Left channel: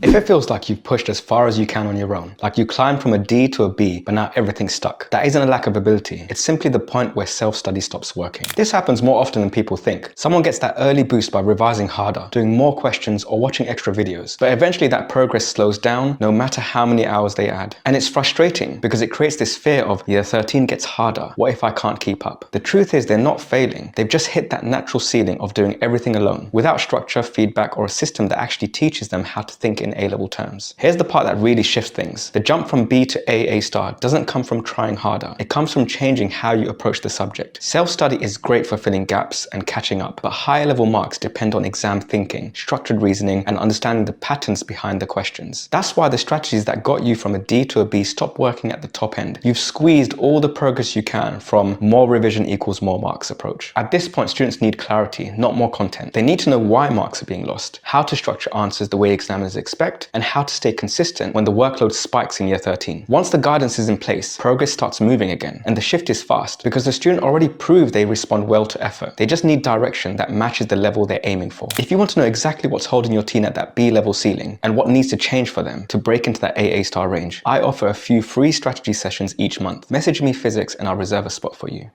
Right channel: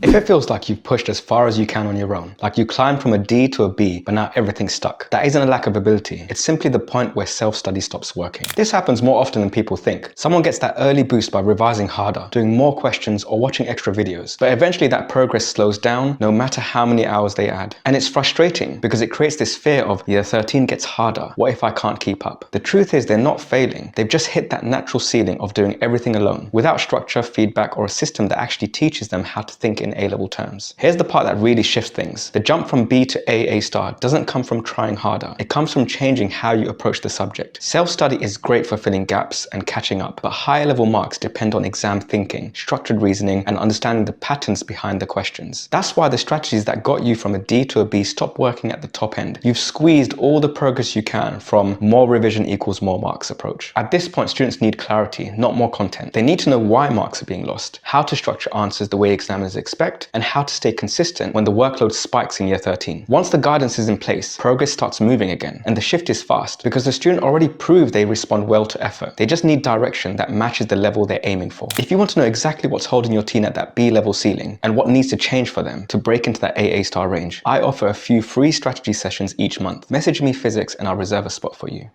If it feels like you've pushed as far as you can on your own, like you climbed from a D to a B, but now everything's stuck, that isn't a lack of ability. It's simply the point where self-study stops working. This happens more often than people think. Someone gets that early boost by revising harder, doing more questions, or watching extra videos. But eventually that progress slows down, no matter how many hours they add. And it's frustrating because it creates this fear of year 13 gets harder. What if I can't keep up? The truth is they're not failing. They've just hit that natural ceiling of doing everything alone, without structure, feedback, or a system that actually teaches them how to think in A-level terms. Here's the part that really shifts things. The jump from B to A star doesn't come from trying harder. It comes from changing how you approach the subject. Self-study is great for filling gaps and catching up, but higher level marks depend on exam thinking, structured reasoning, and understanding the patterns behind the questions. That's why the strategies that got you from a D to a B stop working at the top end. You've squeezed all the progress you can from more revision equals more marks approach. At this point, students need clarity, not more content. They need to know why marks are being lost, how to structure answers the way examiners expect, and how to stay consistent when the workload spikes in year 13. Once the guidance is in place, progress starts moving again, and the shift is fast because the student already proved they respond well to effort. They just need direction that matches the level they're aiming for. If you want to know exactly what's holding your teen at that B level ceiling and what needs to change for them to break into that AA star range, I offer a few free strategy sessions each month. Message me physics and I'll reserve a spot for you.